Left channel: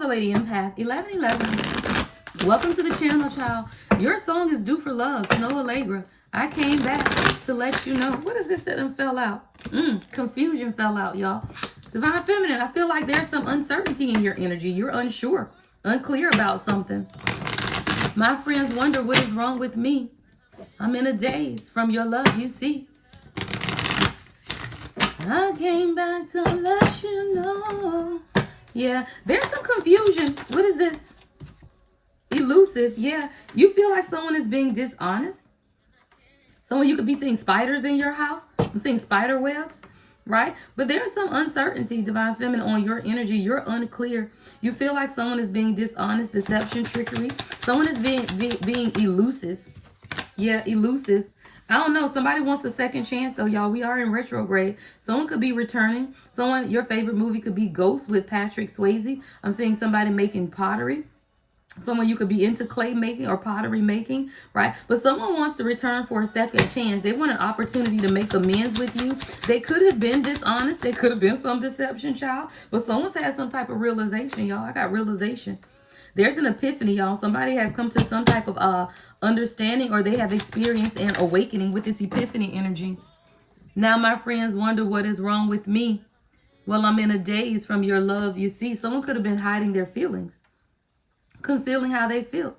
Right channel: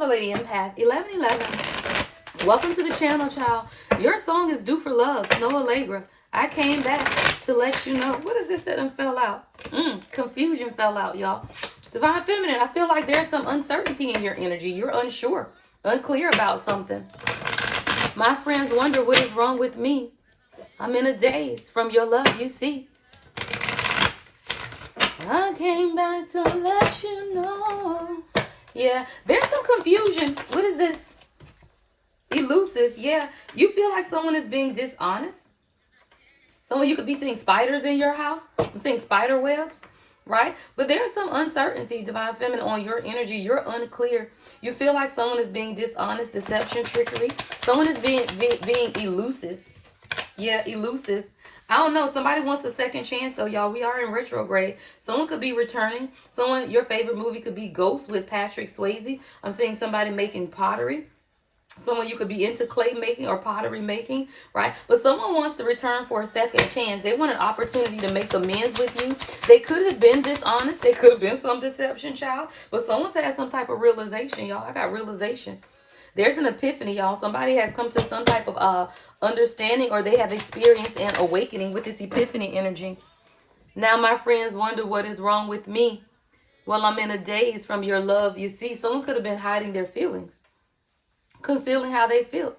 the Lady Empath, 1111. Welcome to the channel, child. Your song is due for love, Snow Allegra. I came back to let you know. What is this that done fell out? Confusion fell out, y'all. Divine Feminine, I feel like there's some uncertainty in your energy. You're unsure, unclear about something. My friends wonder what is wrong with me. I'm in a daze from your love, you see. I came back to let you know. Yeah, there's some confusion. What is this? Elusive. Yeah, you feel like someone is being dishonest. Someone, you could be seeing spiders in your house. I'm seeing spider webs, right? But there's some uncertainty, Divine Feminine, on your energy. You're unclear. You feel like someone is being dishonest, deception, trickery. Someone is being elusive. Yeah, elusive. I don't know. Somebody wants a second chance, though, y'all. We are in retrograde. Someone could be returning. Someone, your favorite movie could be Ghost with Patrick Swayze. I'm seeing somebody making pottery. Someone, you could be into clay making or pottery making, right? But someone wants to return for a second chance. They want an opportunity to make amends with you. They could have been dishonest. They could have been some deception, child. But someone's had some type of realization, y'all. I got realization. There's an epiphany, y'all. Somebody has come to some type of understanding, or they have experienced an awakening with this epiphany energy. Now, my friends wonder what is wrong with me. Well, I'm in a daze from your love. You see, someone could have been hiding their feelings, concealing how they feel.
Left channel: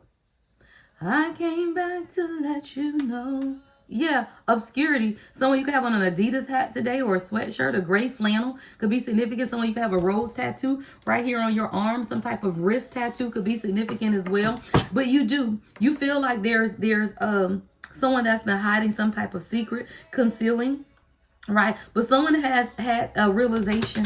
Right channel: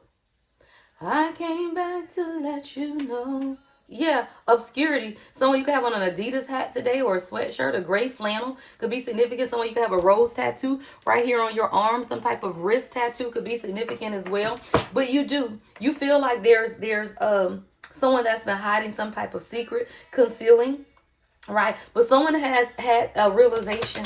I came back to let you know. Yeah, obscurity. Someone, you could have on an Adidas hat today, or a sweatshirt, a gray flannel could be significant. Someone, you could have a rose tattoo right here on your arm. Some type of wrist tattoo could be significant as well. But you feel like there's someone that's been hiding some type of secret, concealing, right? But someone has had a realization.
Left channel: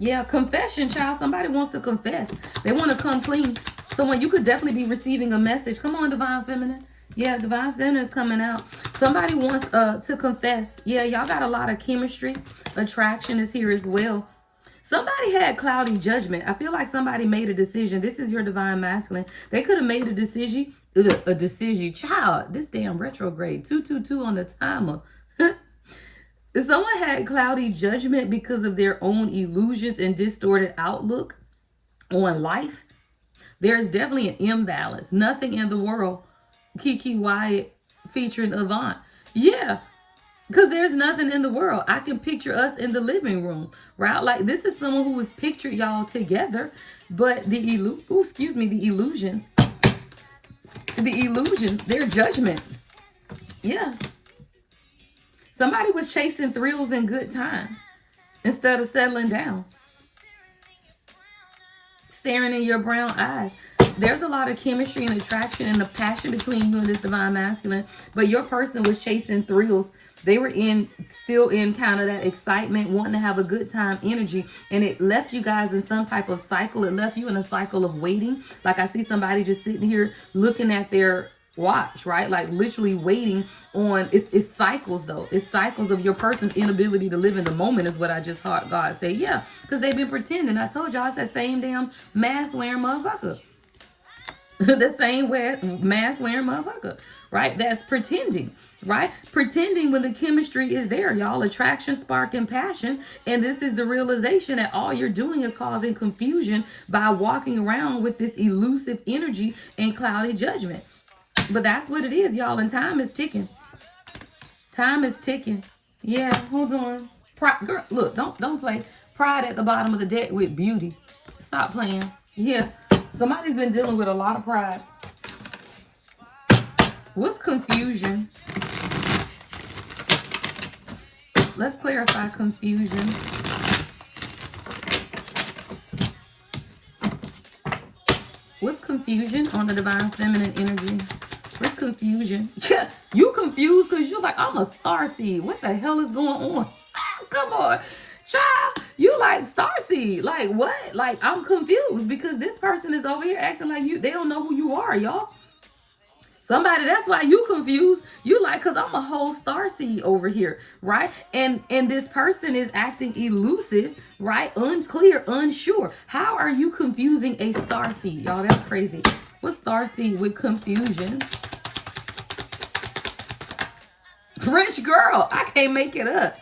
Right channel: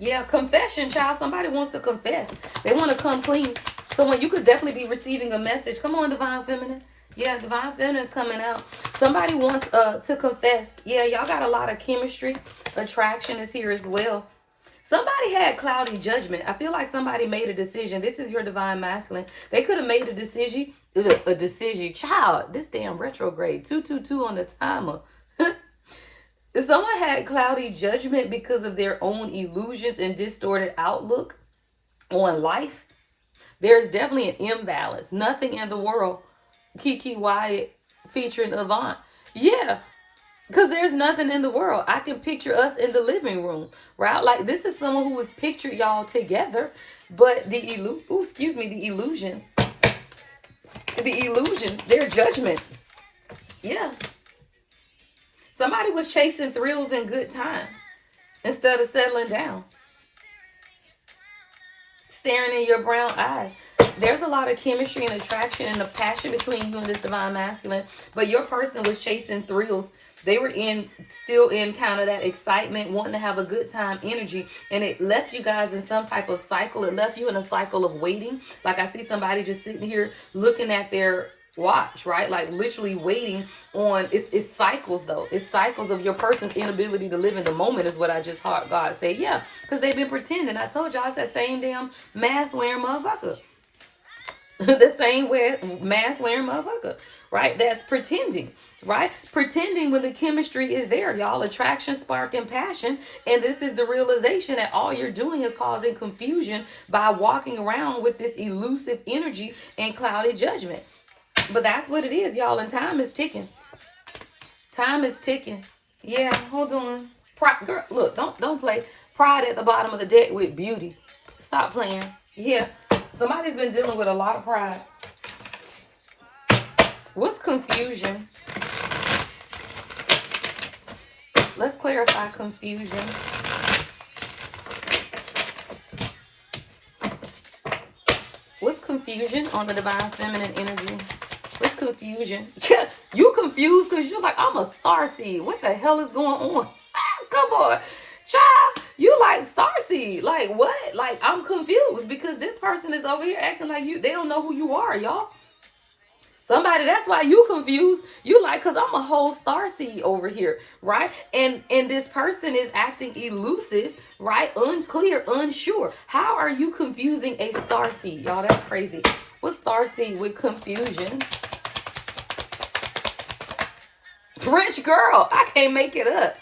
Yeah, confession, child. Somebody wants to confess. They want to come clean. Someone, you could definitely be receiving a message. Come on, Divine Feminine. Yeah, Divine Feminine is coming out. Somebody wants to confess. Yeah, y'all got a lot of chemistry. Attraction is here as well. Somebody had cloudy judgment. I feel like somebody made a decision. This is your Divine Masculine. They could have made a decision. Child, this damn retrograde. 222 on the timer. Someone had cloudy judgment because of their own illusions and distorted outlook on life. There's definitely an imbalance. Nothing in the world. Kiki Wyatt featuring Avant. Yeah, because there's nothing in the world. I can picture us in the living room, right? Like, this is someone who was pictured y'all together, but the illusions, their judgment. Yeah. Somebody was chasing thrills and good times instead of settling down. Staring in your brown eyes. There's a lot of chemistry and attraction and a passion between you and this Divine Masculine. But your person was chasing thrills. They were still in kind of that excitement, wanting to have a good time energy. And it left you guys in some type of cycle. It left you in a cycle of waiting. Like, I see somebody just sitting here looking at their watch, right? Like, literally waiting on, it's cycles though. It's cycles of your person's inability to live in the moment is what I just heard God say. Yeah, because they've been pretending. I told y'all it's that same damn mask wearing motherfucker. The same mask wearing motherfucker, right? That's pretending, right? Pretending when the chemistry is there, y'all. Attraction, spark, and passion. And this is the realization that all you're doing is causing confusion by walking around with this elusive energy and cloudy judgment. But that's what it is, y'all. And time is ticking. Time is ticking. Yeah, hold on. Girl, look, don't play. Pride at the bottom of the deck with beauty. Stop playing. Yeah. Somebody's been dealing with a lot of pride. What's confusion? Let's clarify confusion. What's confusion on the Divine Feminine energy? What's confusion? You confused because you're like, I'm a starseed. What the hell is going on? Come on. Child, you like starseed. Like, what? Like, I'm confused because this person is over here acting like they don't know who you are, y'all. Somebody, that's why you confused. You like, because I'm a whole starseed over here, right? And this person is acting elusive, right? Unclear, unsure. How are you confusing a starseed, y'all? That's crazy. What's starseed with confusion? French girl. I can't make it up.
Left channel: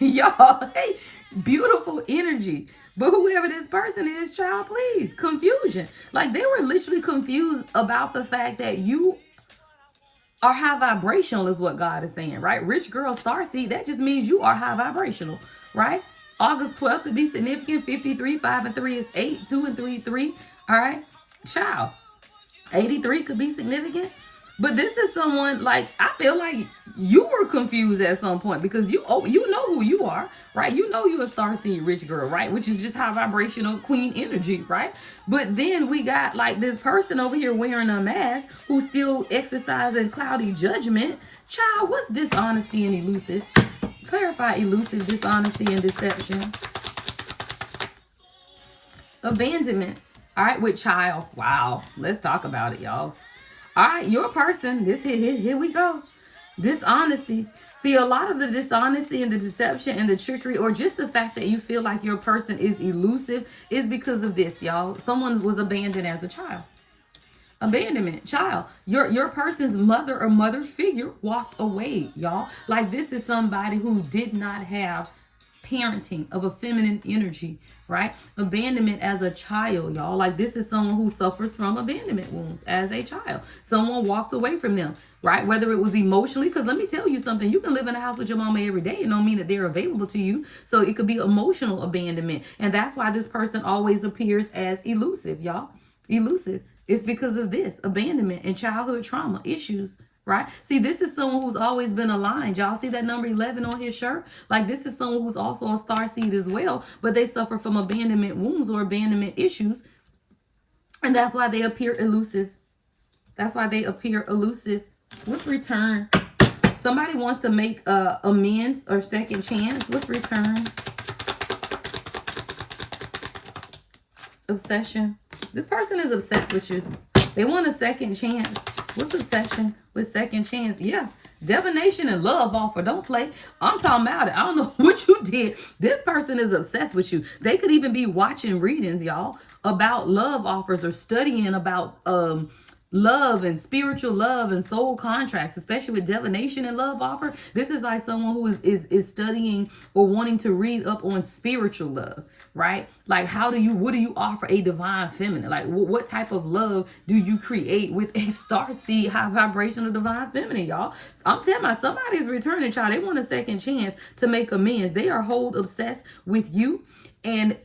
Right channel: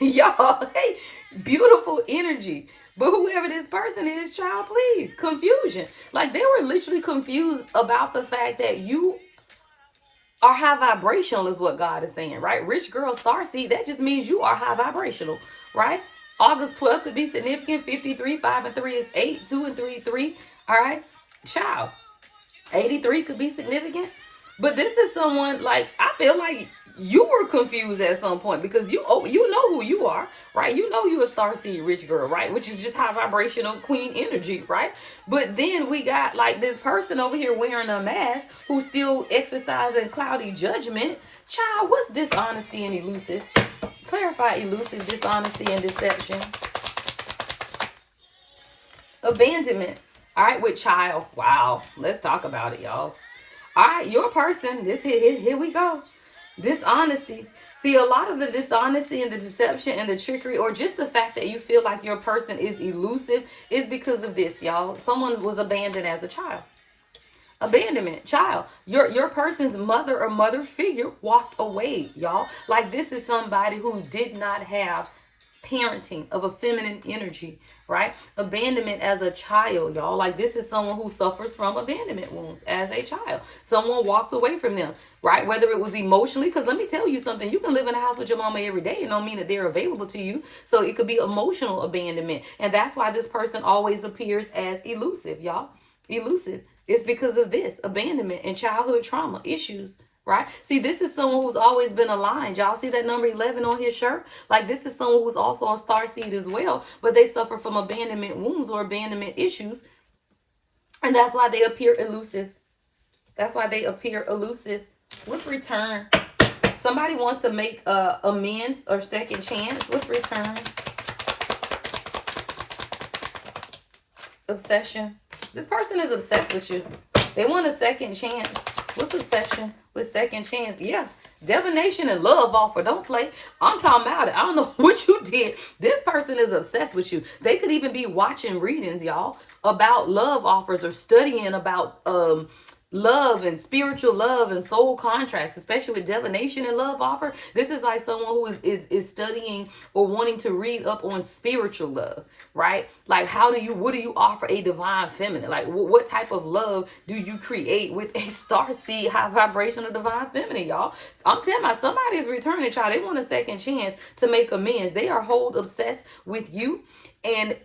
Y'all, hey, beautiful energy, But whoever this person is, child, please, confusion. Like they were literally confused about the fact that you are high vibrational is what God is saying, right? Rich girl starseed, that just means you are high vibrational, right? August 12th could be significant. 53, 5 and 3 is 8, 2 and 3, 3. All right, child. 83 could be significant. But this is someone, like, I feel like you were confused at some point because you know who you are, right? You know you a starseed rich girl, right? Which is just high vibrational queen energy, right? But then we got like this person over here wearing a mask who's still exercising cloudy judgment. Child, what's dishonesty and elusive? Clarify elusive, dishonesty, and deception. Abandonment. All right, with child. Wow. Let's talk about it, y'all. All right, your person. Here we go. Dishonesty. See, a lot of the dishonesty and the deception and the trickery, or just the fact that you feel like your person is elusive, is because of this, y'all. Someone was abandoned as a child. Abandonment, child. Your person's mother or mother figure walked away, y'all. Like this is somebody who did not have parenting of a feminine energy, right? Abandonment as a child, y'all. Like this is someone who suffers from abandonment wounds as a child. Someone walked away from them, right? Whether it was emotionally, because let me tell you something, you can live in a house with your mama every day and don't mean that they're available to you. So it could be emotional abandonment. And that's why this person always appears as elusive, y'all. Elusive. It's because of this abandonment and childhood trauma issues, right? See, this is someone who's always been aligned. Y'all see that number 11 on his shirt? Like this is someone who's also a starseed as well, but they suffer from abandonment wounds or abandonment issues. And that's why they appear elusive. That's why they appear elusive. What's return? Somebody wants to make amends or second chance. What's return? Obsession. This person is obsessed with you. They want a second chance. What's obsession with second chance? Yeah. Divination and love offer. Don't play. I'm talking about it. I don't know what you did. This person is obsessed with you. They could even be watching readings, y'all, about love offers or studying about love and spiritual love and soul contracts, especially with divination and love offer. This is like someone who is studying or wanting to read up on spiritual love, right? Like what do you offer a divine feminine? Like what type of love do you create with a star seed high vibrational divine feminine, y'all? So I'm telling you, somebody's returning, child. They want a second chance to make amends. They are whole obsessed with you and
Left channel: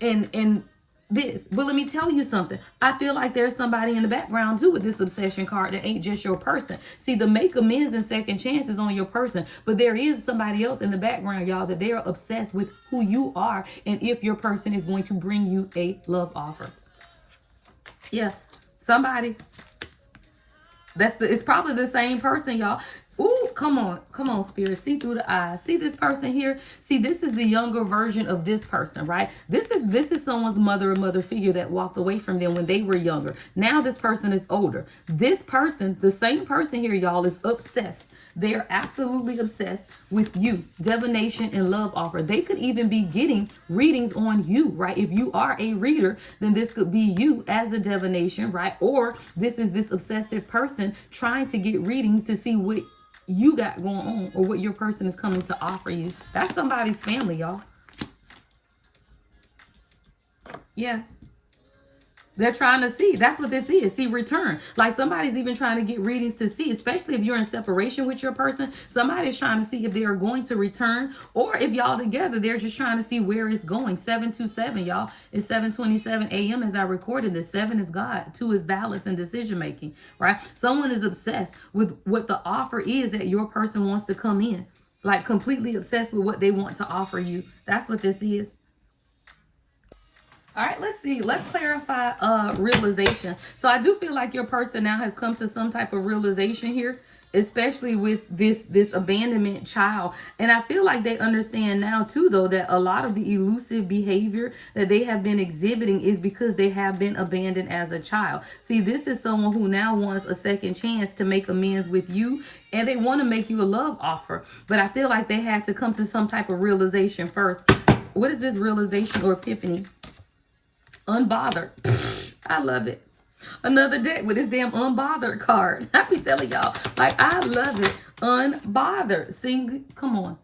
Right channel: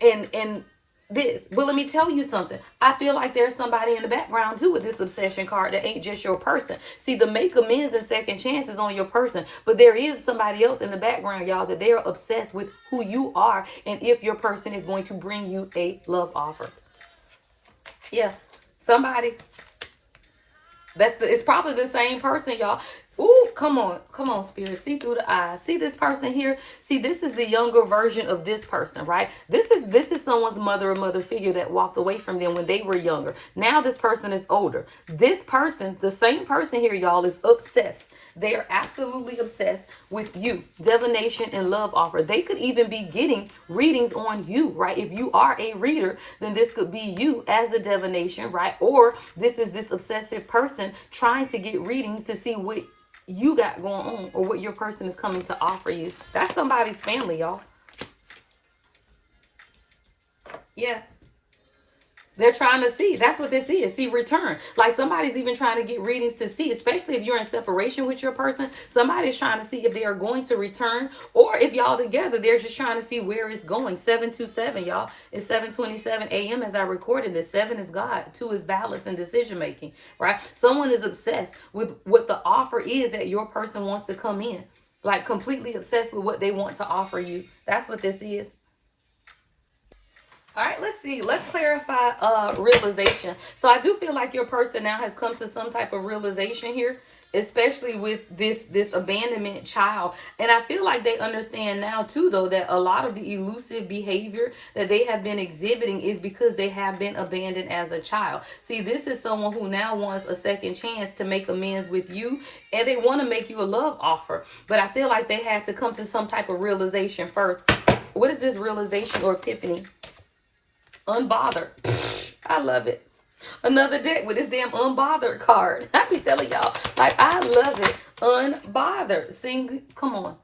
this. But let me tell you something. I feel like there's somebody in the background too with this obsession card that ain't just your person. See, the make amends and second chances on your person, but there is somebody else in the background, y'all, that they're obsessed with who you are and if your person is going to bring you a love offer. Yeah, somebody. It's probably the same person, y'all. Ooh, come on, spirit. See through the eyes. See this person here? See, this is the younger version of this person, right? This is someone's mother or mother figure that walked away from them when they were younger. Now this person is older. This person, the same person here, y'all, is obsessed. They are absolutely obsessed with you. Divination and love offer. They could even be getting readings on you, right? If you are a reader, then this could be you as the divination, right? Or this is this obsessive person trying to get readings to see what you got going on or what your person is coming to offer you. That's somebody's family, y'all. Yeah. They're trying to see. That's what this is. See, return. Like somebody's even trying to get readings to see, especially if you're in separation with your person. Somebody's trying to see if they are going to return, or if y'all together, they're just trying to see where it's going. 727, y'all. It's 7:27 a.m. as I recorded this. 7 is God. 2 is balance and decision making, right? Someone is obsessed with what the offer is that your person wants to come in. Like completely obsessed with what they want to offer you. That's what this is. All right, let's see. Let's clarify realization. So I do feel like your person now has come to some type of realization here, especially with this abandonment child. And I feel like they understand now too, though, that a lot of the elusive behavior that they have been exhibiting is because they have been abandoned as a child. See, this is someone who now wants a second chance to make amends with you, and they want to make you a love offer. But I feel like they had to come to some type of realization first. What is this realization or epiphany? Unbothered. I love it. Another deck with this damn unbothered card. I be telling y'all, like, I love it. Unbothered. See, come on.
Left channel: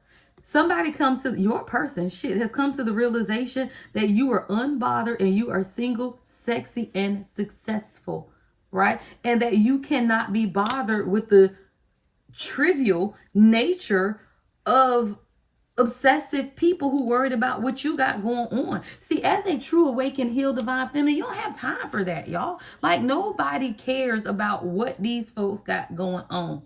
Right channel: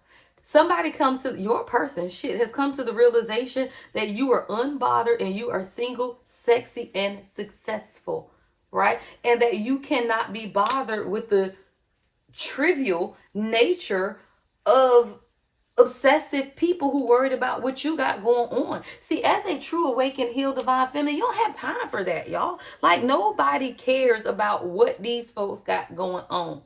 Somebody comes to your person, has come to the realization that you are unbothered and you are single, sexy, and successful, right? And that you cannot be bothered with the trivial nature of obsessive people who worried about what you got going on. See, as a true awakened, healed, divine feminine, you don't have time for that, y'all. Like, nobody cares about what these folks got going on.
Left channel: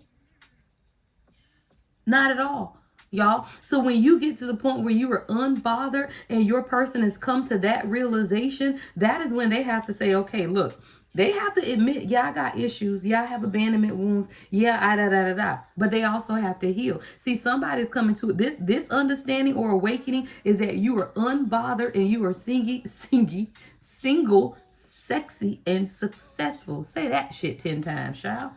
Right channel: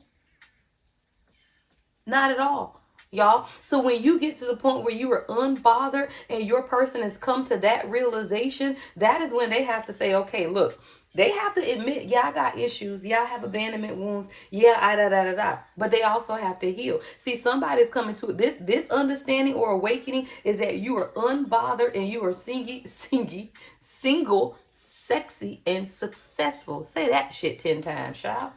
Not at all, y'all. So when you get to the point where you are unbothered and your person has come to that realization, that is when they have to say, okay, look, they have to admit, yeah, I got issues. Yeah, I have abandonment wounds. Yeah, but they also have to heal. See, somebody's coming to this understanding or awakening is that you are unbothered and you are single, sexy, and successful. Say that shit 10 times, child.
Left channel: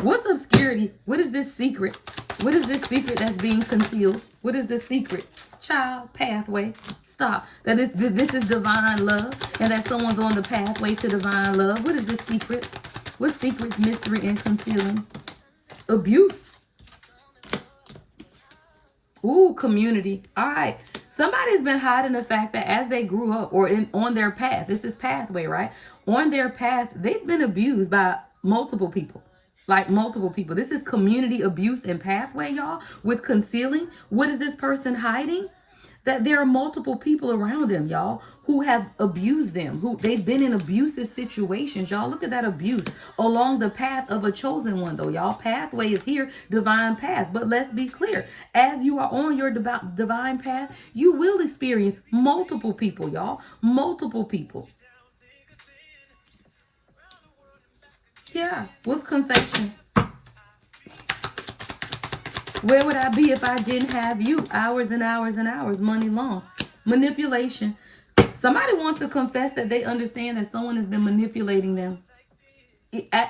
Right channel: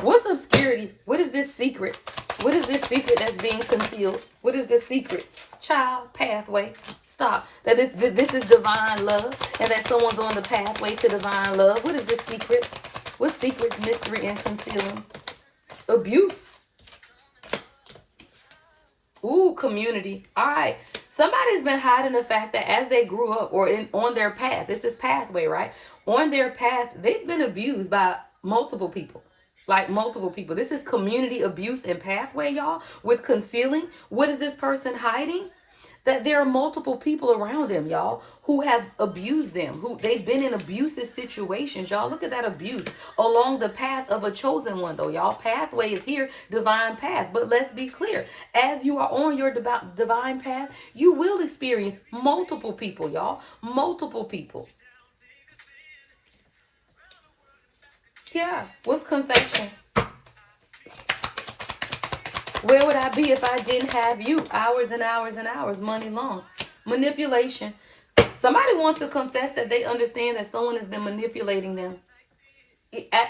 What's obscurity? What is this secret? What is this secret that's being concealed? What is this secret? Child, pathway. Stop. That this is divine love and that someone's on the pathway to divine love. What is this secret? What secret's mystery and concealing? Abuse. Ooh, community. All right. Somebody's been hiding the fact that as they grew up or on their path, this is pathway, right? On their path, they've been abused by multiple people. Like multiple people. This is community abuse and pathway, y'all. With concealing. What is this person hiding? That there are multiple people around them, y'all, who have abused them, who they've been in abusive situations, y'all. Look at that abuse along the path of a chosen one, though, y'all. Pathway is here, divine path. But let's be clear. As you are on your divine path, you will experience multiple people, y'all. Multiple people. Yeah. What's confession? Where would I be if I didn't have you? Hours and hours and hours, money long. Manipulation. Somebody wants to confess that they understand that someone has been manipulating them.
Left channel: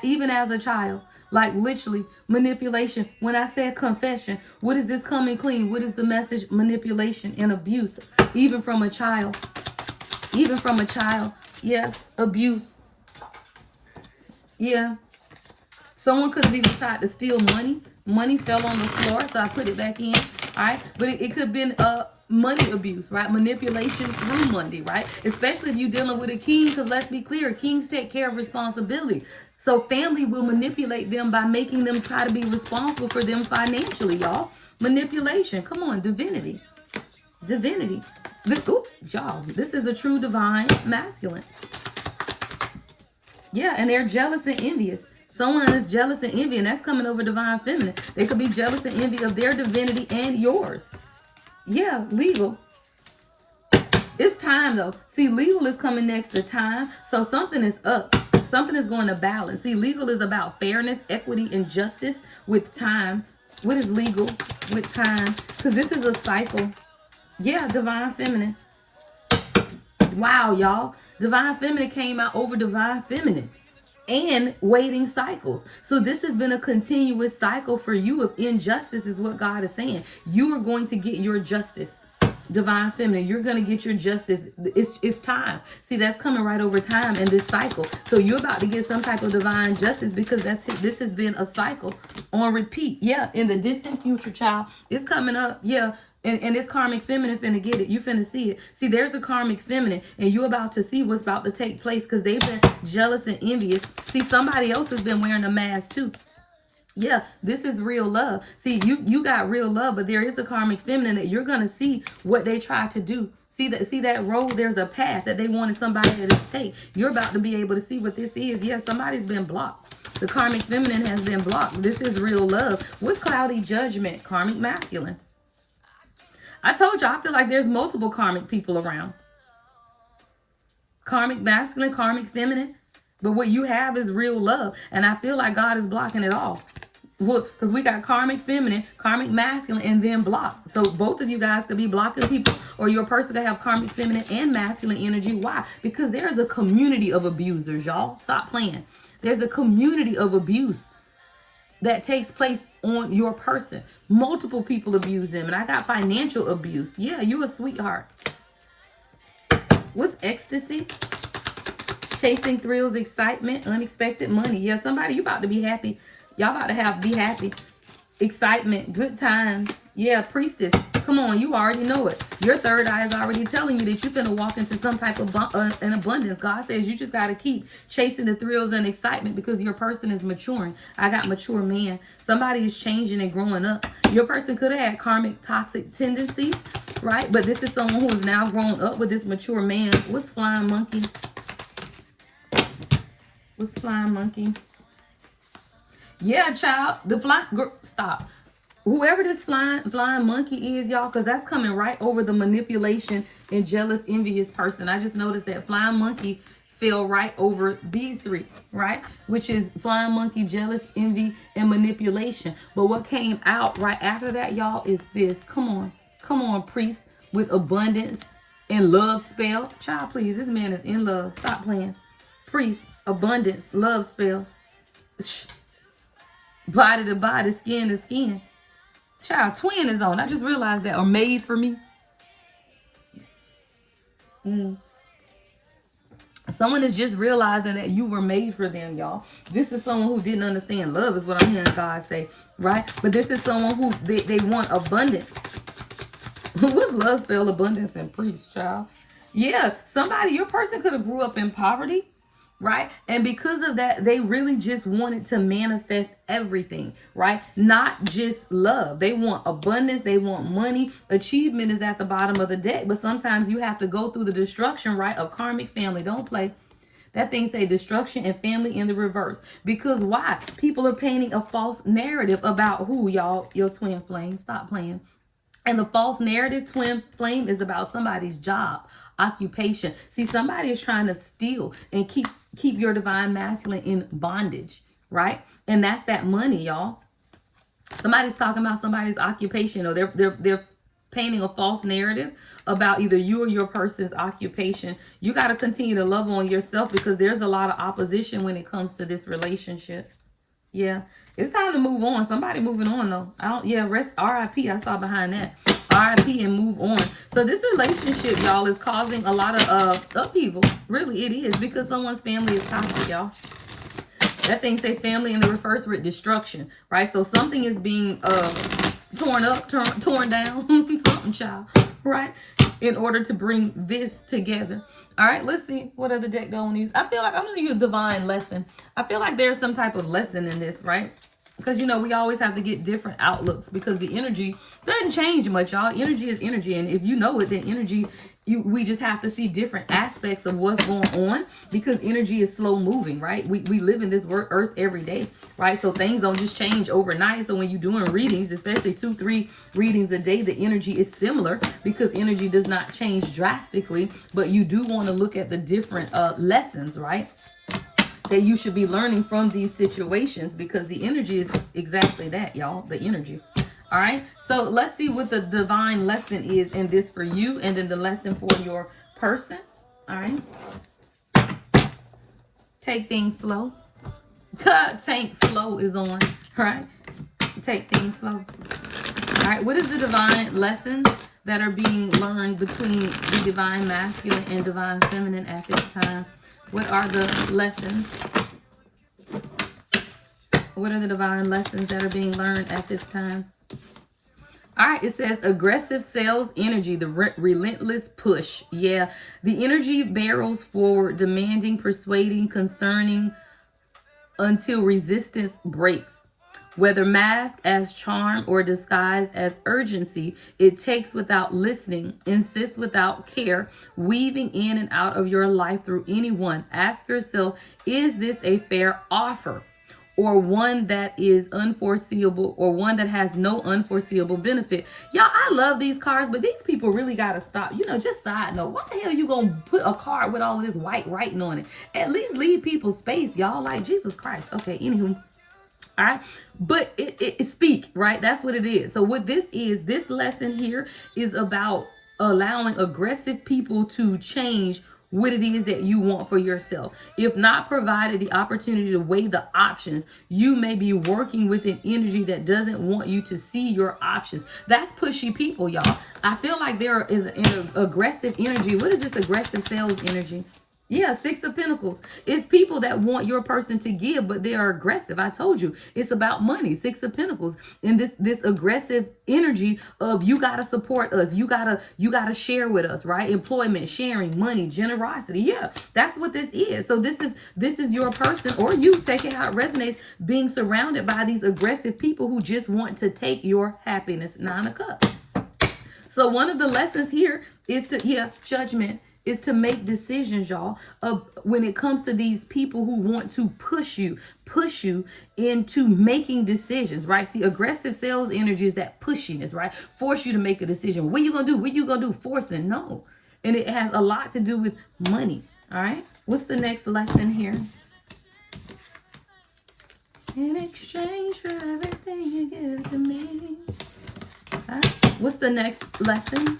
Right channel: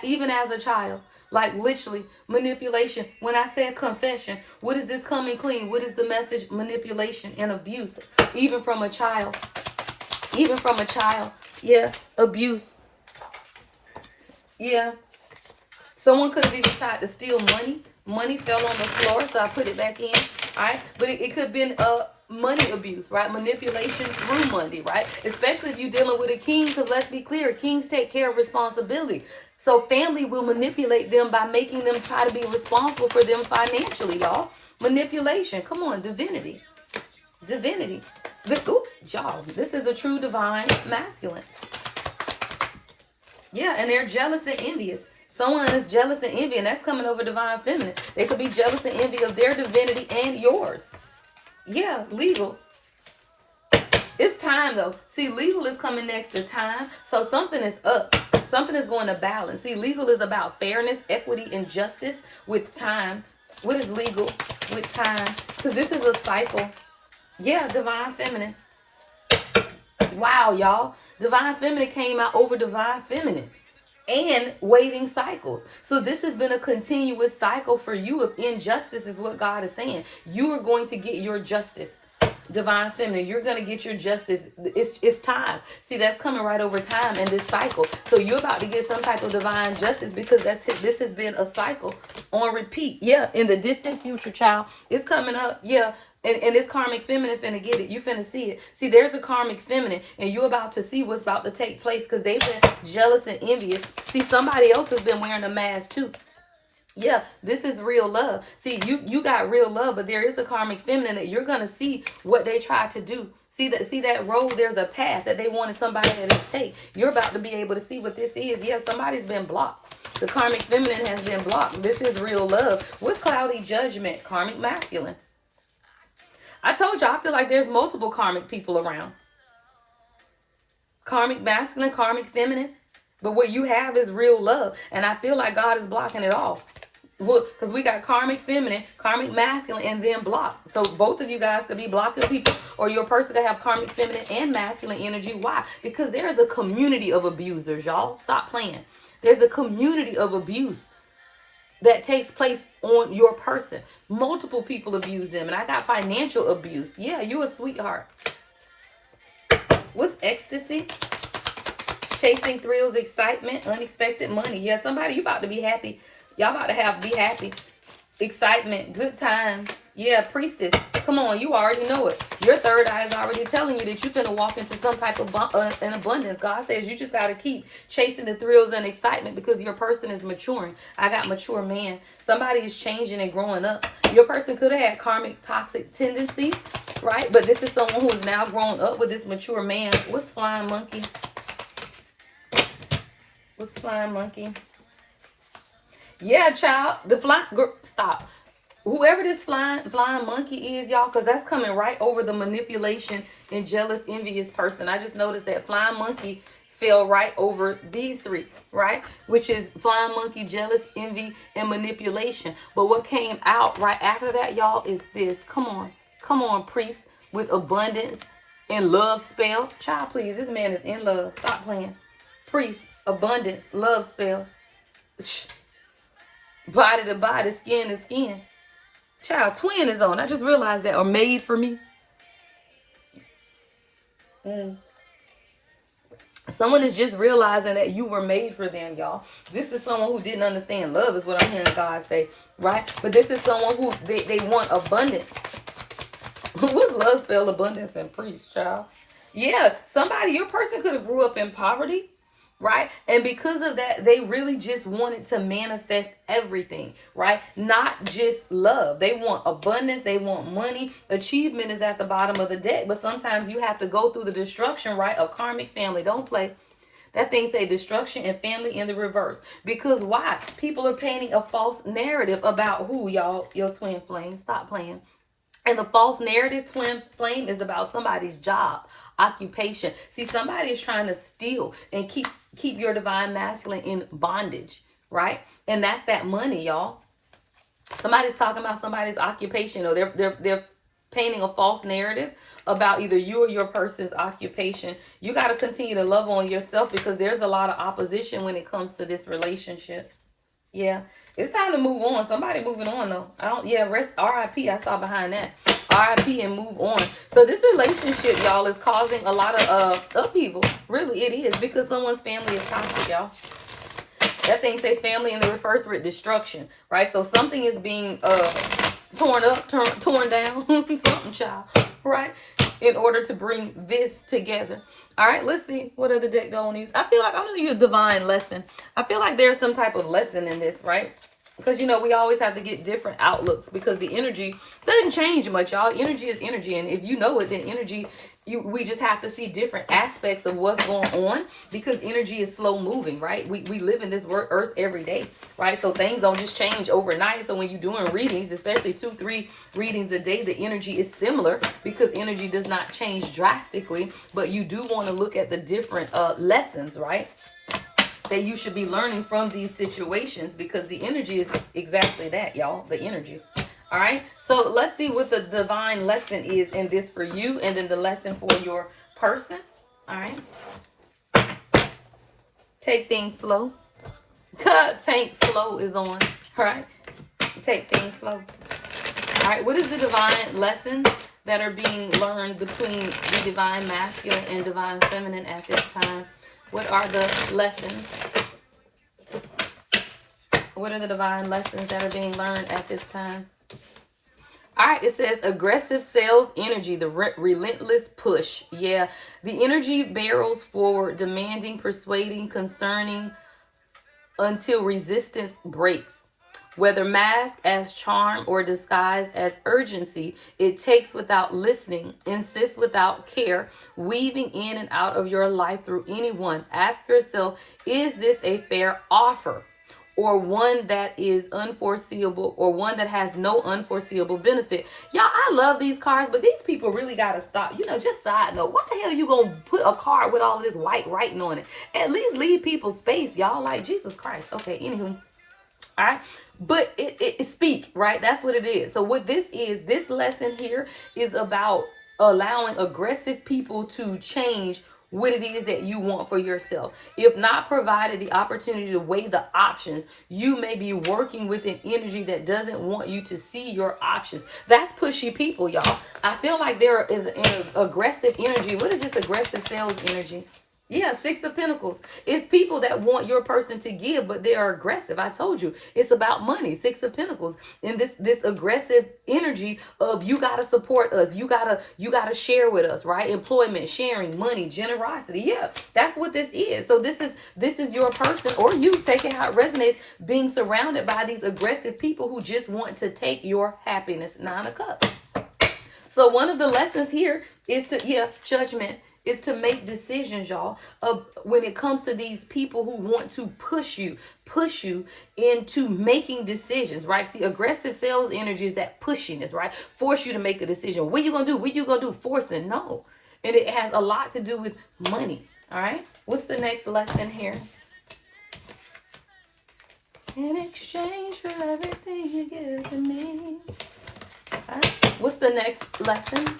Even as a child. Like literally, manipulation. When I said confession, what is this coming clean? What is the message? Manipulation and abuse. Even from a child. Even from a child. Yeah, abuse. Yeah. Someone could have even tried to steal money. Money fell on the floor, so I put it back in, right? But it could have been money abuse, right? Manipulation through money, right? Especially if you're dealing with a king, because let's be clear, kings take care of responsibility. So family will manipulate them by making them try to be responsible for them financially, y'all. Manipulation. Come on, divinity. Divinity. Y'all, this is a true divine masculine. Yeah, and they're jealous and envious. Someone is jealous and envy, and that's coming over divine feminine. They could be jealous and envy of their divinity and yours. Yeah, legal. It's time, though. See, legal is coming next to time. So something is up. Something is going to balance. See, legal is about fairness, equity, and justice with time. What is legal with time? Because this is a cycle. Yeah, divine feminine. Wow, y'all. Divine feminine came out over divine feminine. And waiting cycles. So this has been a continuous cycle for you of injustice is what God is saying. You are going to get your justice. Divine feminine, you're going to get your justice. It's time. See, that's coming right over time in this cycle. So you're about to get some type of divine justice because this has been a cycle on repeat. Yeah, in the distant future, child. It's coming up. Yeah. And this karmic feminine finna get it. You finna see it. See, there's a karmic feminine, and you're about to see what's about to take place because they've been jealous and envious. See, somebody else has been wearing a mask too. Yeah, this is real love. See, you got real love, but there is a karmic feminine that you're gonna see what they try to do. See that road, there's a path that they wanted somebody to take. You're about to be able to see what this is. Yeah, somebody's been blocked. The karmic feminine has been blocked. This is real love. What's cloudy judgment? Karmic masculine. I told you, I feel like there's multiple karmic people around. Karmic masculine, karmic feminine. But what you have is real love. And I feel like God is blocking it all. Because we got karmic feminine, karmic masculine, and then blocked. So both of you guys could be blocking people. Or your person could have karmic feminine and masculine energy. Why? Because there's a community of abusers, y'all. Stop playing. There's a community of abuse that takes place on your person. Multiple people abuse them. And I got financial abuse. Yeah, you're a sweetheart. What's ecstasy? Chasing thrills, excitement, unexpected money. Yeah, somebody, you about to be happy. Y'all about to be happy. Excitement, good times. Yeah, priestess. Come on, you already know it. Your third eye is already telling you that you're going to walk into some type of an abundance. God says you just got to keep chasing the thrills and excitement because your person is maturing. I got mature man. Somebody is changing and growing up. Your person could have had karmic toxic tendencies, right? But this is someone who is now growing up with this mature man. What's flying monkey? What's flying monkey? Yeah, child. The flying... Stop. Whoever this flying monkey is, y'all, because that's coming right over the manipulation and jealous, envious person. I just noticed that flying monkey fell right over these three, right? Which is flying monkey, jealous, envy, and manipulation. But what came out right after that, y'all, is this. Come on. Come on, priest, with abundance and love spell. Child, please, this man is in love. Stop playing. Priest, abundance, love spell. Shh. Body to body, skin to skin. Child, twin is on. I just realized that. Or made for me. Someone is just realizing that you were made for them, y'all. This is someone who didn't understand love is what I'm hearing God say, right? But this is someone who they want abundance. What's love spell, abundance, and priest, child? Yeah, somebody, your person could have grew up in poverty. Right? And because of that, they really just wanted to manifest everything, right? Not just love. They want abundance. They want money. Achievement is at the bottom of the deck. But sometimes you have to go through the destruction, right? Of karmic family. Don't play. That thing say destruction and family in the reverse. Because why? People are painting a false narrative about who, y'all? Your twin flame. Stop playing. And the false narrative, twin flame, is about somebody's job, occupation. See, somebody is trying to steal and keep your divine masculine in bondage, right? And that's that money, y'all. Somebody's talking about somebody's occupation, or they're painting a false narrative about either you or your person's occupation. You got to continue to love on yourself because there's a lot of opposition when it comes to this relationship. Yeah, it's time to move on. Somebody moving on though. Rest RIP. I saw behind that. RIP and move on. So this relationship, y'all, is causing a lot of upheaval. Really, it is, because someone's family is toxic, y'all. That thing say family in the reverse with destruction, right? So something is being torn up, torn down, something, child, right? In order to bring this together. All right, let's see what other deck don't use. I feel like I'm going to use divine lesson. I feel like there's some type of lesson in this, right? Because, you know, we always have to get different outlooks because the energy doesn't change much, y'all. Energy is energy. And if you know it, then energy, we just have to see different aspects of what's going on because energy is slow moving, right? We live in this earth every day, right? So things don't just change overnight. So when you're doing readings, especially 2-3 readings a day, the energy is similar because energy does not change drastically. But you do want to look at the different lessons, right? That you should be learning from these situations because the energy is exactly that, y'all. The energy. All right, so let's see what the divine lesson is in this for you, and then the lesson for your person. All right, take things slow. Tank slow is on. All right, take things slow. All right, what is the divine lessons that are being learned between the divine masculine and divine feminine at this time? What are the lessons? What are the divine lessons that are being learned at this time? All right, it says aggressive sales energy, the relentless push. Yeah, the energy barrels forward, demanding, persuading, concerning until resistance breaks. Whether masked as charm or disguised as urgency, it takes without listening, insists without care, weaving in and out of your life through anyone. Ask yourself, is this a fair offer? Or one that is unforeseeable, or one that has no unforeseeable benefit. Y'all, I love these cards, but these people really got to stop. You know, just side note, why the hell you going to put a card with all of this white writing on it? At least leave people space, y'all. Like, Jesus Christ. Okay, anywho. All right, but it speak, right? That's what it is. So what this is, this lesson here is about allowing aggressive people to change what it is that you want for yourself. If not provided the opportunity to weigh the options, you may be working with an energy that doesn't want you to see your options. That's pushy people, y'all. I feel like there is an aggressive energy. What is this aggressive sales energy? Yeah, Six of Pentacles. It's people that want your person to give, but they are aggressive. I told you, it's about money. Six of Pentacles. And this aggressive energy of you gotta support us. You gotta share with us, right? Employment, sharing, money, generosity. Yeah, that's what this is. So this is your person, or you, take it how it resonates, being surrounded by these aggressive people who just want to take your happiness. Nine of Cups. So one of the lessons here is to, judgment, is to make decisions, y'all, of when it comes to these people who want to push you into making decisions, right? See, aggressive sales energy is that pushiness, right? Force you to make a decision. What you gonna do? What you gonna do? Forcing, no. And it has a lot to do with money, all right? What's the next lesson here? In exchange for everything you give to me. All right. What's the next lesson?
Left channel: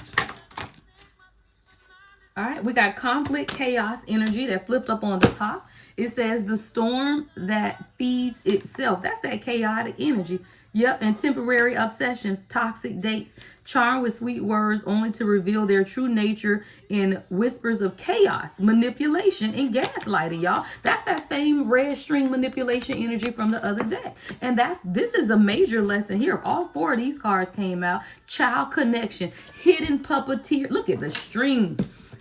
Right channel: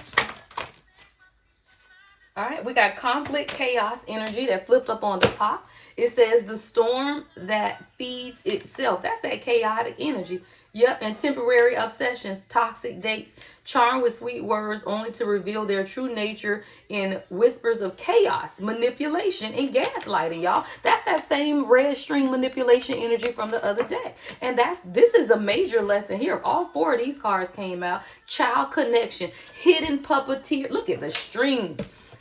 All right, we got conflict, chaos, energy that flipped up on the top. It says the storm that feeds itself. That's that chaotic energy. Yep, and temporary obsessions, toxic dates, charmed with sweet words only to reveal their true nature in whispers of chaos, manipulation, and gaslighting, y'all. That's that same red string manipulation energy from the other day. And this is a major lesson here. All four of these cards came out. Child connection, hidden puppeteer. Look at the strings.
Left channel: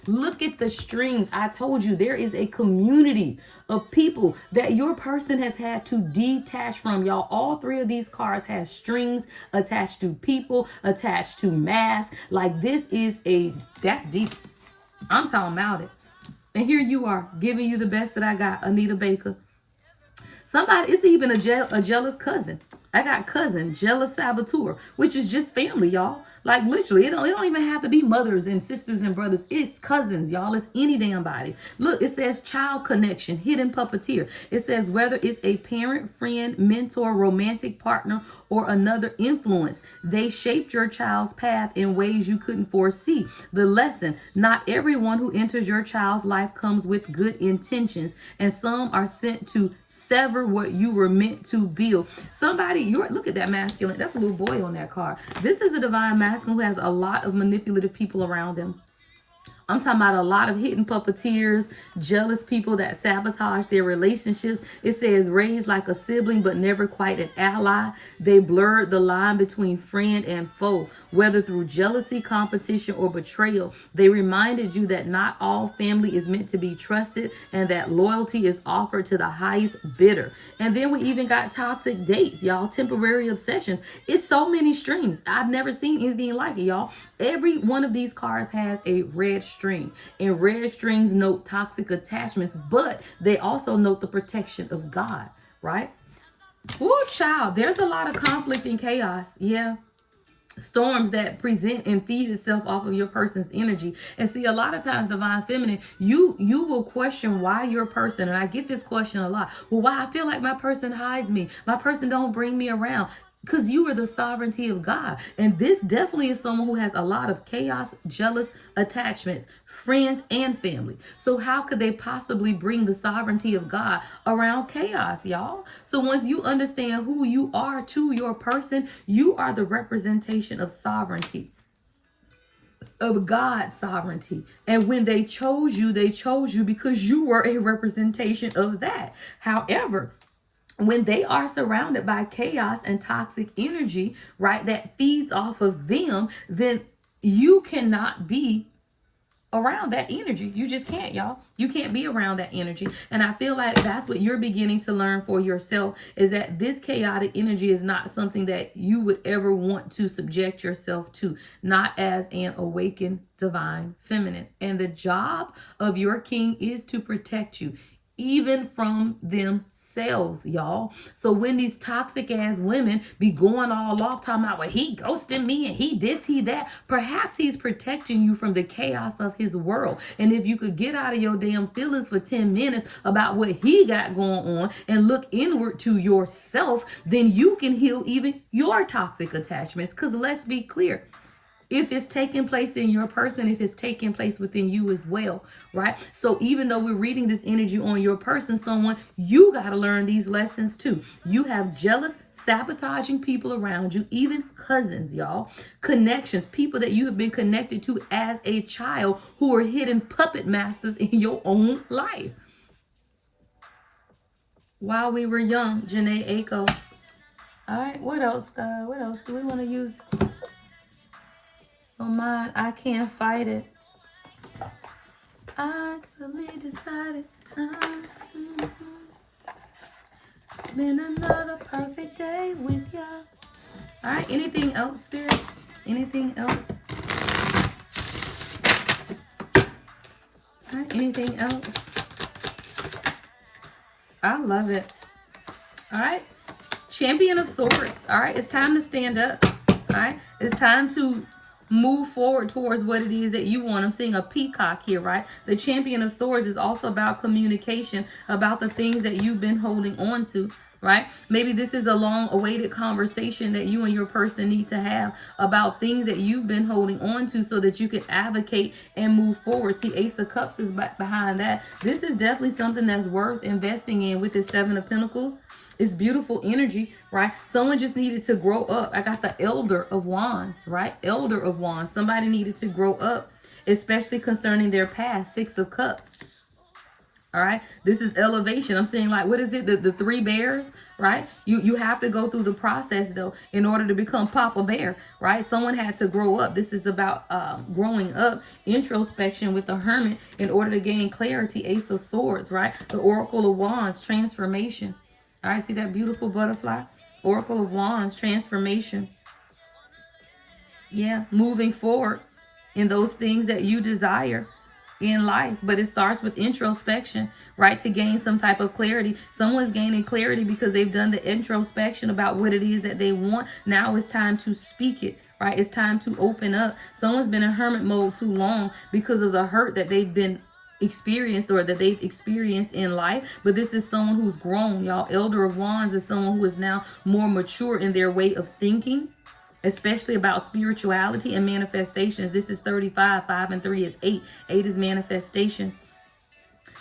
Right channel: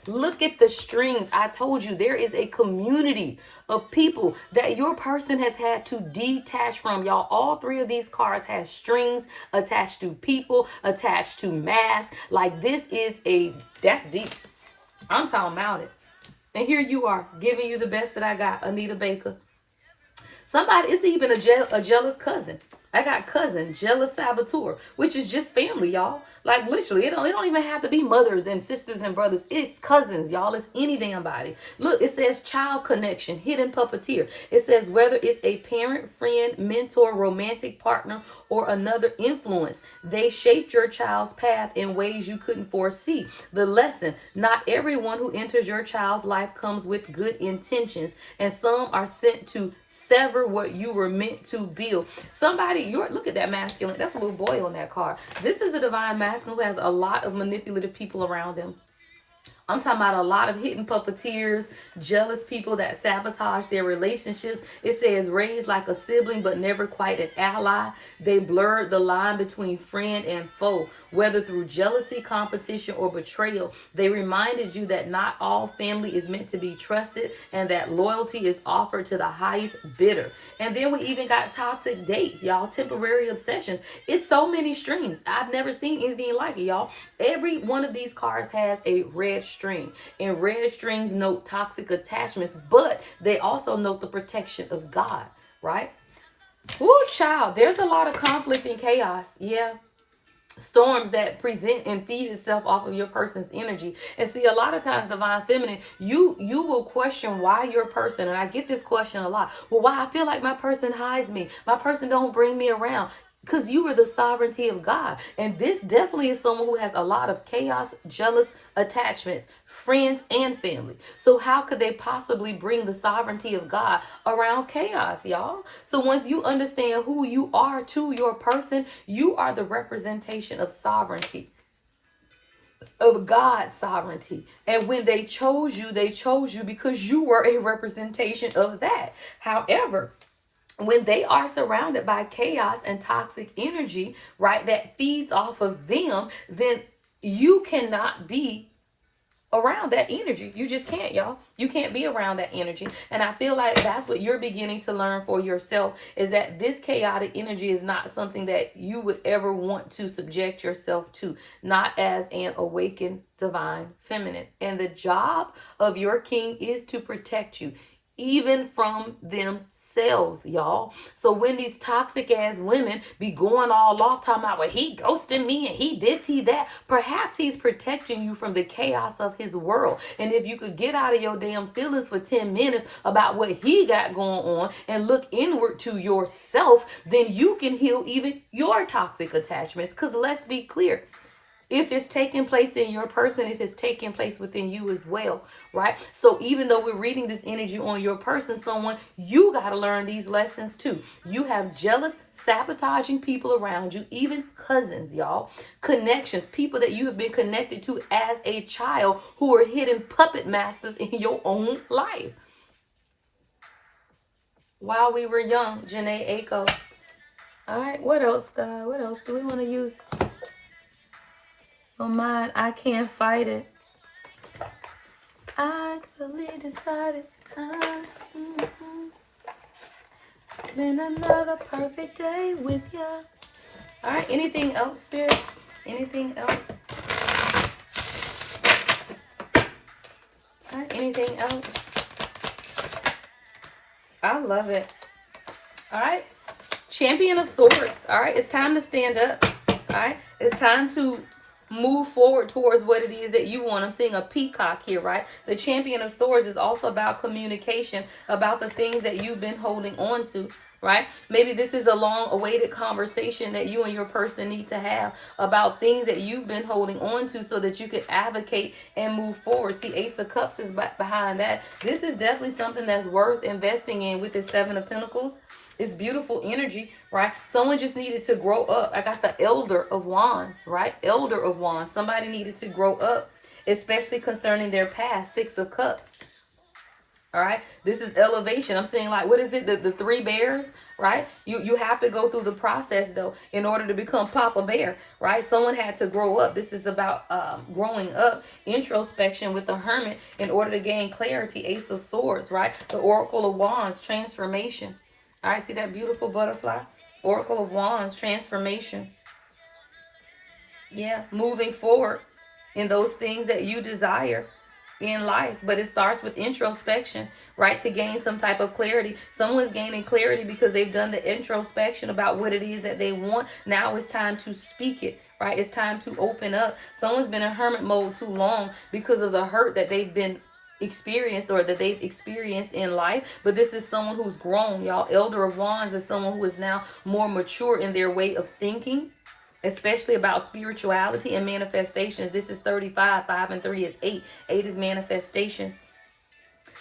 Look at the strings. I told you there is a community of people that your person has had to detach from, y'all. All three of these cards have strings attached to people, attached to masks. Like this is that's deep. I'm talking about it. And here you are, giving you the best that I got, Anita Baker. Somebody, it's even a jealous cousin. I got cousin, jealous saboteur, which is just family, y'all. Like literally, it don't even have to be mothers and sisters and brothers. It's cousins, y'all. It's any damn body. Look, it says child connection, hidden puppeteer. It says whether it's a parent, friend, mentor, romantic partner, or another influence, they shaped your child's path in ways you couldn't foresee. The lesson: not everyone who enters your child's life comes with good intentions, and some are sent to sever what you were meant to build. Somebody, look at that masculine. That's a little boy on that card. This is a divine masculine who has a lot of manipulative people around him. I'm talking about a lot of hidden puppeteers, jealous people that sabotage their relationships. It says raised like a sibling, but never quite an ally. They blurred the line between friend and foe, whether through jealousy, competition, or betrayal. They reminded you that not all family is meant to be trusted and that loyalty is offered to the highest bidder. And then we even got toxic dates, y'all, temporary obsessions. It's so many strings. I've never seen anything like it, y'all. Every one of these cards has a red string, and red strings note toxic attachments, but they also note the protection of God, right? Oh, child, there's a lot of conflict and chaos. Yeah. Storms that present and feed itself off of your person's energy. And see, a lot of times, divine feminine, you will question why your person, and I get this question a lot, well, why I feel like my person hides me, my person don't bring me around. Because you are the sovereignty of God. And this definitely is someone who has a lot of chaos, jealous attachments, friends, and family. So how could they possibly bring the sovereignty of God around chaos, y'all? So once you understand who you are to your person, you are the representation of sovereignty, of God's sovereignty. And when they chose you because you were a representation of that. However, when they are surrounded by chaos and toxic energy, right, that feeds off of them, then you cannot be around that energy. You just can't, y'all. You can't be around that energy. And I feel like that's what you're beginning to learn for yourself, is that this chaotic energy is not something that you would ever want to subject yourself to, not as an awakened divine feminine. And the job of your king is to protect you, even from themselves, y'all. So when these toxic ass women be going all off talking about, well, he ghosted me and he this, he that, perhaps he's protecting you from the chaos of his world. And if you could get out of your damn feelings for 10 minutes about what he got going on and look inward to yourself, then you can heal even your toxic attachments. Because let's be clear, If it's taking place in your person, it has taken place within you as well, right? So even though we're reading this energy on your person, someone, you got to learn these lessons too. You have jealous, sabotaging people around you, even cousins, y'all. Connections, people that you have been connected to as a child who are hidden puppet masters in your own life. While we were young, Janae Aiko. All right, what else, God? What else do we want to use? Oh, mine, I can't fight it. I clearly decided. It's been another perfect day with you. All right, anything else, Spirit? Anything else? All right, anything else? I love it. All right. Champion of Swords. All right. It's time to stand up. All right. It's time to move forward towards what it is that you want. I'm seeing a peacock here, right? The Champion of Swords is also about communication, about the things that you've been holding on to, right? Maybe this is a long-awaited conversation that you and your person need to have about things that you've been holding on to so that you can advocate and move forward. See, Ace of Cups is behind that. This is definitely something that's worth investing in with the Seven of Pentacles. It's beautiful energy, right? Someone just needed to grow up. I got the Elder of Wands, right? Elder of Wands. Somebody needed to grow up, especially concerning their past. Six of Cups. All right. This is elevation. I'm saying, like, what is it? The three bears, right? You have to go through the process, though, in order to become Papa Bear, right? Someone had to grow up. This is about growing up, introspection with the Hermit in order to gain clarity. Ace of Swords, right? The Oracle of Wands, transformation. All right, see that beautiful butterfly? Oracle of Wands, transformation. Yeah, moving forward in those things that you desire in life. But it starts with introspection, right? To gain some type of clarity. Someone's gaining clarity because they've done the introspection about what it is that they want. Now it's time to speak it, right? It's time to open up. Someone's been in hermit mode too long because of the hurt that they've been experienced or that they've experienced in life. But this is someone who's grown, y'all. Elder of Wands is someone who is now more mature in their way of thinking, especially about spirituality and manifestations. This is 35. 5 and 3 is 8. 8 is manifestation.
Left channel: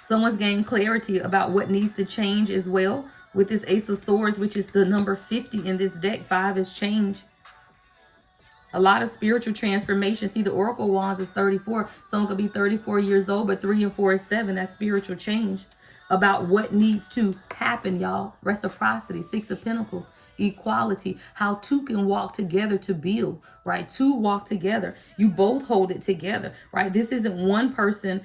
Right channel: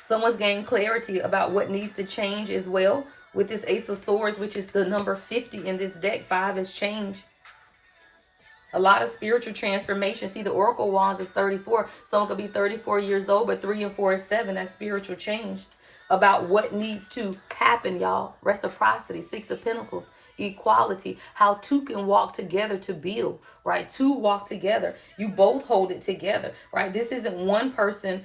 Someone's gained clarity about what needs to change as well with this Ace of Swords, which is the number 50 in this deck. 5 is change. A lot of spiritual transformation. See, the Oracle Wands is 34. Someone could be 34 years old, but 3 and 4 is 7. That's spiritual change. About what needs to happen, y'all. Reciprocity. 6 of Pentacles. Equality. How two can walk together to build, right? Two walk together. You both hold it together, right? This isn't one person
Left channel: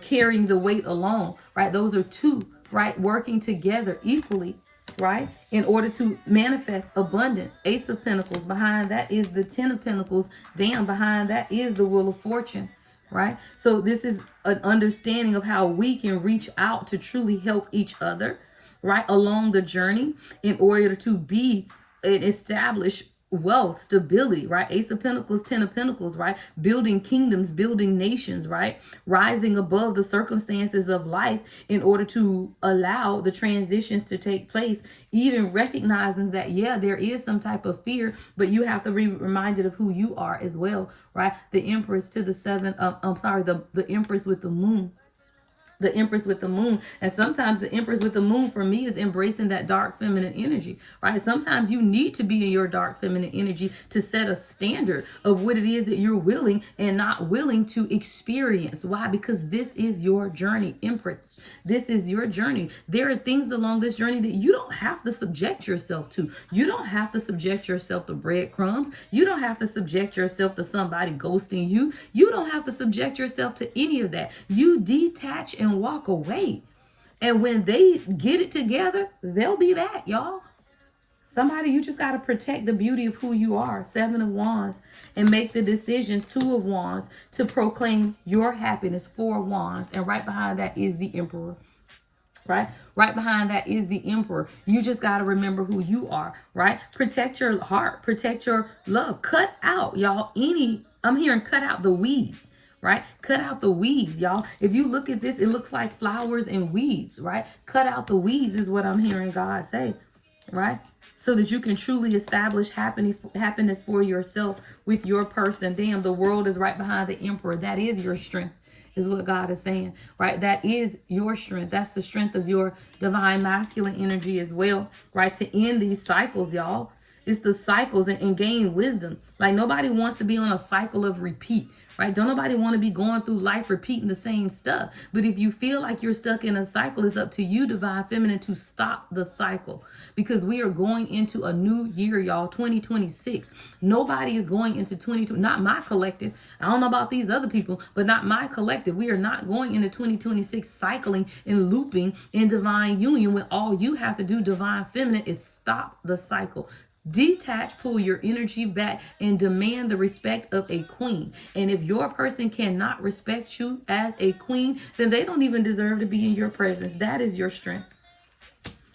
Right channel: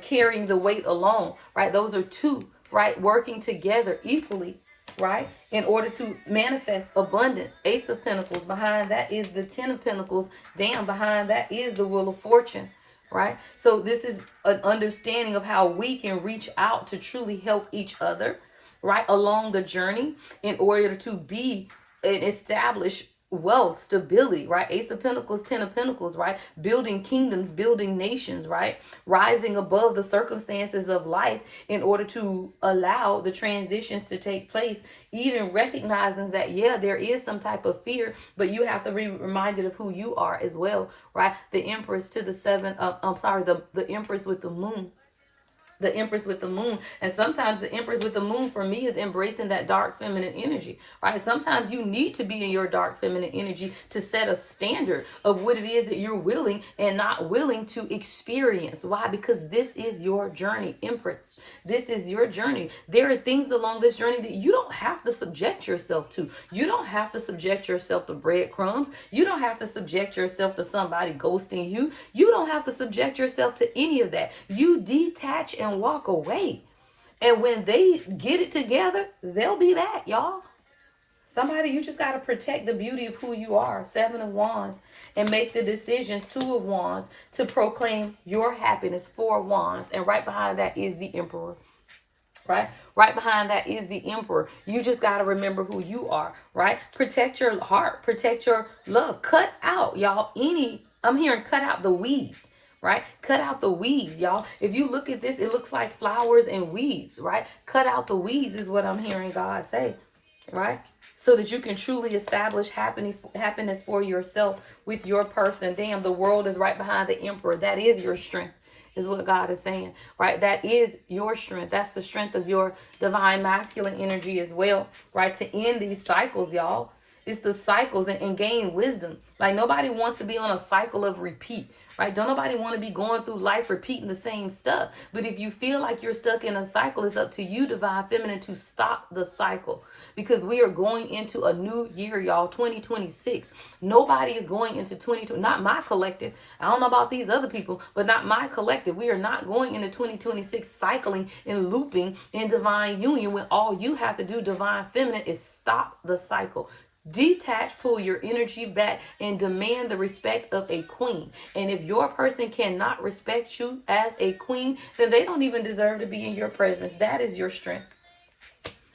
carrying the weight alone, right? Those are two, right? Working together equally, right? In order to manifest abundance. Ace of Pentacles. Behind that is the 10 of Pentacles. Down behind that is the Wheel of Fortune, right? So this is an understanding of how we can reach out to truly help each other, right, along the journey in order to be and establish wealth, stability, right? Ace of Pentacles, 10 of Pentacles, right? Building kingdoms, building nations, right? Rising above the circumstances of life in order to allow the transitions to take place, even recognizing that, yeah, there is some type of fear, but you have to be reminded of who you are as well, right? The Empress to the 7, the Empress with the moon. The Empress with the moon. And sometimes the Empress with the moon for me is embracing that dark feminine energy, right? Sometimes you need to be in your dark feminine energy to set a standard of what it is that you're willing and not willing to experience. Why? Because this is your journey, Empress. This is your journey. There are things along this journey that you don't have to subject yourself to. You don't have to subject yourself to breadcrumbs. You don't have to subject yourself to somebody ghosting you. You don't have to subject yourself to any of that. You detach and walk away. And when they get it together, they'll be back, y'all. Somebody, you just got to protect the beauty of who you are. 7 of Wands. And make the decisions. 2 of Wands. To proclaim your happiness. 4 of Wands. And right behind that is the Emperor. Right? Right behind that is the Emperor. You just got to remember who you are. Right? Protect your heart. Protect your love. Cut out, y'all, I'm hearing cut out the weeds. Right? Cut out the weeds, y'all. If you look at this, it looks like flowers and weeds, right? Cut out the weeds is what I'm hearing God say, right? so that you can truly establish happiness for yourself with your person. Damn, the world is right behind the emperor. That is your strength, is what God is saying, right? That is your strength. That's the strength of your divine masculine energy as well, right? To end these cycles, y'all. It's the cycles and gain wisdom. Like, nobody wants to be on a cycle of repeat, right? Don't nobody want to be going through life repeating the same stuff. But if you feel like you're stuck in a cycle, it's up to you, divine feminine, to stop the cycle, because we are going into a new year, y'all, 2026. Nobody is going into 2020, not my collective. I don't know about these other people, but not my collective. We are not going into 2026 cycling and looping in divine union, when all you have to do, divine feminine, is stop the cycle. Detach, pull your energy back, and demand the respect of a queen. And if your person cannot respect you as a queen, then they don't even deserve to be in your presence. That is your strength.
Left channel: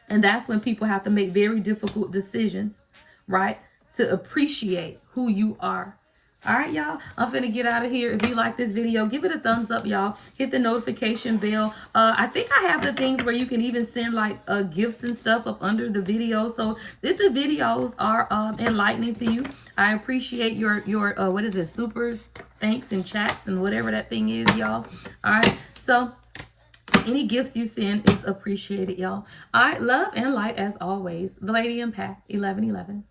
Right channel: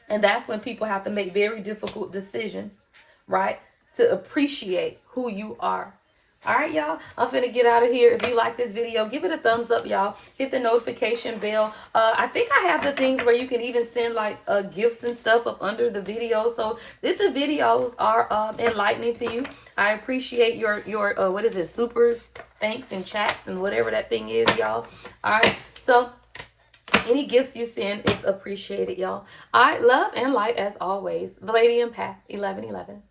And that's when people have to make very difficult decisions, right? To appreciate who you are. All right, y'all, I'm finna get out of here. If you like this video, give it a thumbs up, y'all. Hit the notification bell. I think I have the things where you can even send like gifts and stuff up under the video. So if the videos are enlightening to you, I appreciate your what is it, super thanks and chats and whatever that thing is, y'all. All right, so any gifts you send is appreciated, y'all. All right, love and light as always. The Lady Empath 1111.